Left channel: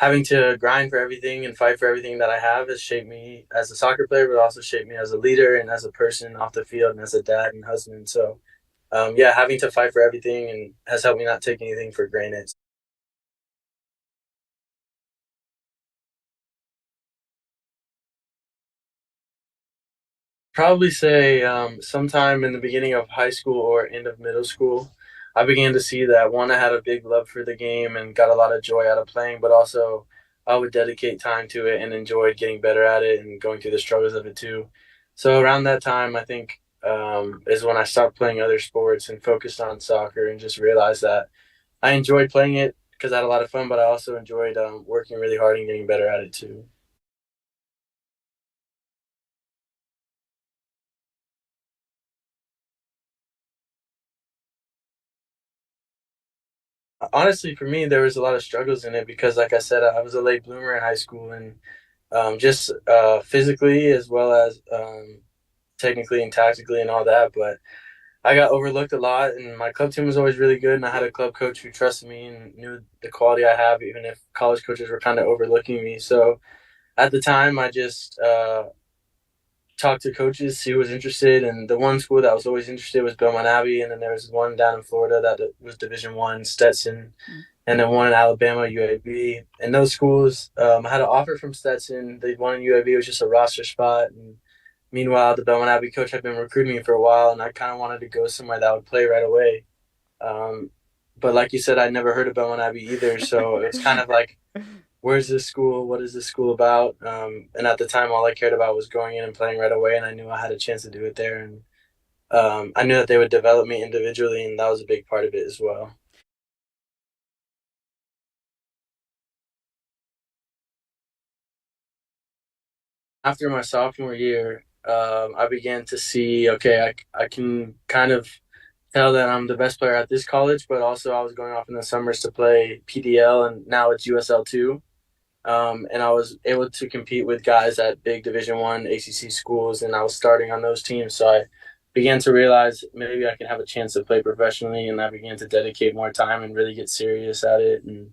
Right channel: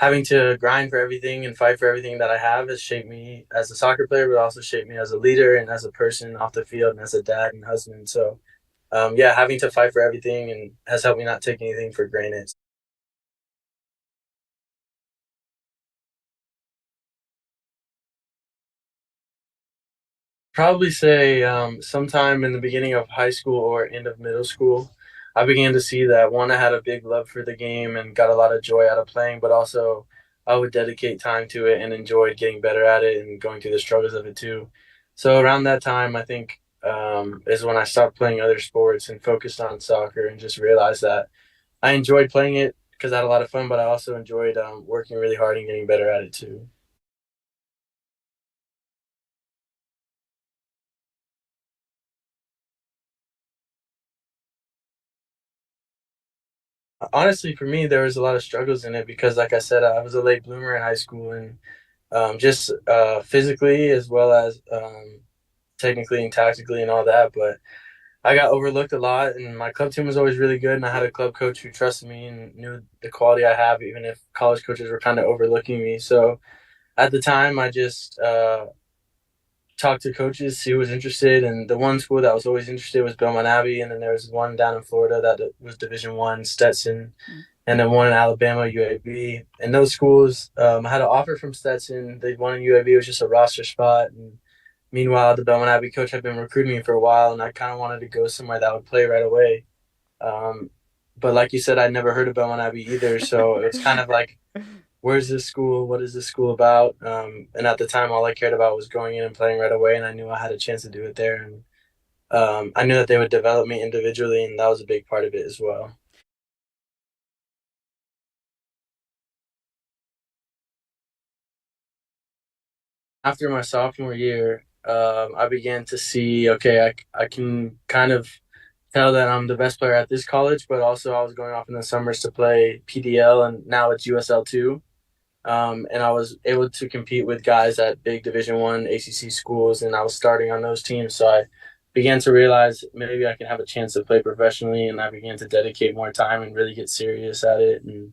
having to grind for everything and fight for everything that I have has shaped me as a soccer player, but also shaped me as a leader and as a person off the field and as a dad and husband. So, yeah, having to fight for everything and has helped me not take anything for granted. Probably say sometime in the beginning of high school or end of middle school, I began to see that one, I had a big love for the game and got a lot of joy out of playing, but also I would dedicate time to it and enjoyed getting better at it and going through the struggles of it too. So around that time, I think is when I stopped playing other sports and focused on soccer and just realized that I enjoyed playing it because I had a lot of fun, but I also enjoyed working really hard and getting better at it too. Honestly, for me, there was a lot of struggles in it because, like I said, I was a late bloomer in high school and just physically as well as technically and tactically and all that. But I got overlooked a lot, and my club team was always really good. And I had a club coach who trusted me and knew the quality I have, even if college coaches were kind of overlooking me. So at the time, I just talked to coaches, see who was interested, and the one school that was always interested was Belmont Abbey, and then there was one down in Florida that was Division One, Stetson, and then one in Alabama, UAB. And those schools had an offer from Stetson. They wanted UAB, it was just a roster spot. And meanwhile, the Belmont Abbey coach had been recruiting me for a while, and I kind of wanted to go somewhere that would play right away. Um, but like you said, I'd never heard of Belmont Abbey either, so it's kind of like, where's this school? What is this school about? And at the time, all I cared about was going in and playing right away, and I knew I had a chance to do it there. And I knew that they would develop me individually, and that was a big part of it as well. After my sophomore year, I began to see, okay, I can kind of tell that I'm the best player at this college, but also I was going off in the summers to play PDL, and now it's USL2. And I was able to compete with guys at big Division 1 ACC schools, and I was starting on those teams. So I began to realize maybe I can have a chance to play professionally, and I began to dedicate more time and really get serious at it and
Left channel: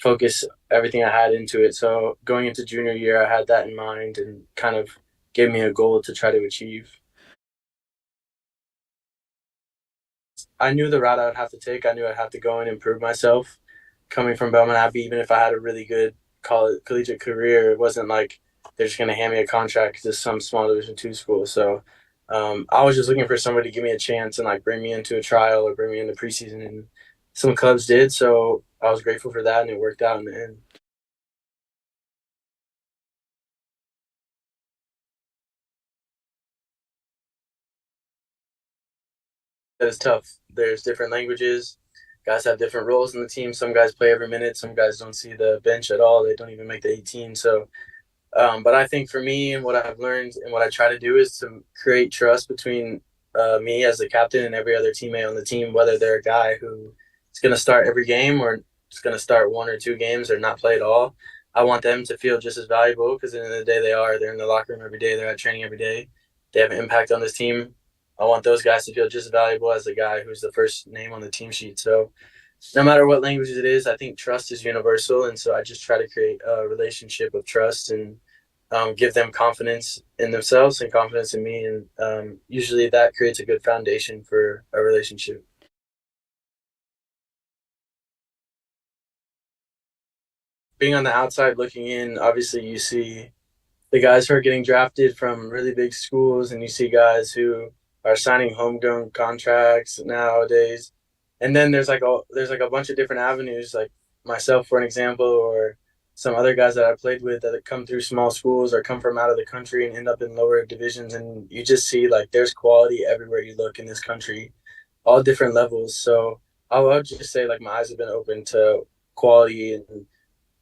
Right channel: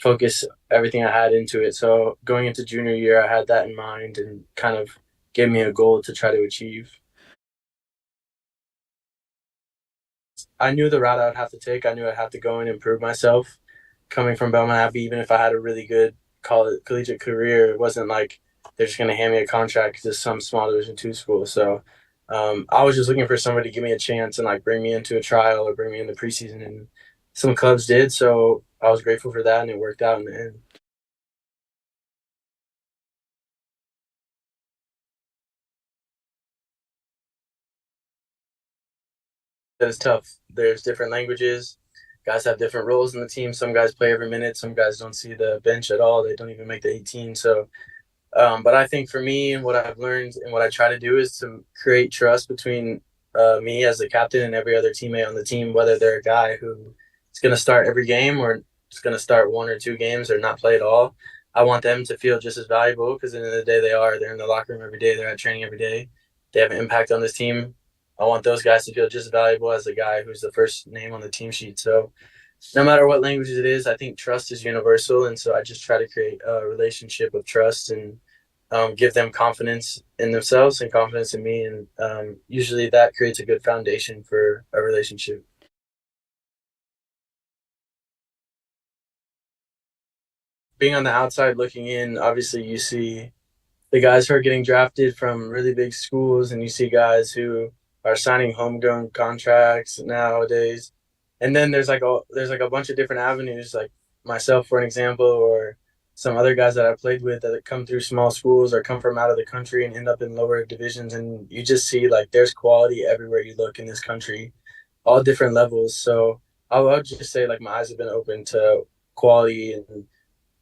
focus everything I had into it. So going into junior year, I had that in mind and kind of gave me a goal to try to achieve. I knew the route I would have to take. I knew I'd have to go and improve myself. Coming from Belmont Abbey, even if I had a really good college collegiate career, it wasn't like they're just going to hand me a contract to some small Division 2 school. So I was just looking for somebody to give me a chance and like bring me into a trial or bring me into preseason, and some clubs did. So I was grateful for that, and it worked out in the end. It's tough. There's different languages. Guys have different roles in the team. Some guys play every minute. Some guys don't see the bench at all. They don't even make the 18. So, but I think for me and what I've learned and what I try to do is to create trust between me as the captain and every other teammate on the team, whether they're a guy who is going to start every game or is going to start 1 or 2 games or not play at all. I want them to feel just as valuable because at the end of the day, they are. They're in the locker room every day. They're at training every day. They have an impact on this team. I want those guys to feel just as valuable as the guy who's the first name on the team sheet. So no matter what language it is, I think trust is universal. And so I just try to create a relationship of trust and give them confidence in themselves and confidence in me. And usually that creates a good foundation for a relationship. Being on the outside looking in, obviously you see the guys who are getting drafted from really big schools, and you see guys who are signing homegrown contracts nowadays. And then there's like a bunch of different avenues, like myself for an example, or some other guys that I played with that come through small schools or come from out of the country and end up in lower divisions. And you just see like there's quality everywhere you look in this country, all different levels. So I would just say like my eyes have been open to quality and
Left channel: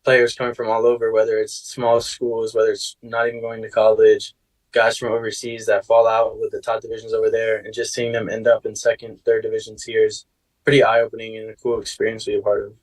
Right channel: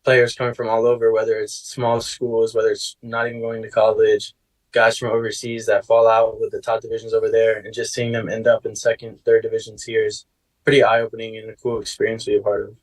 players coming from all over, whether it's small schools, whether it's not even going to college, guys from overseas that fall out with the top divisions over there, and just seeing them end up in second, third divisions here is pretty eye opening and a cool experience to be a part of.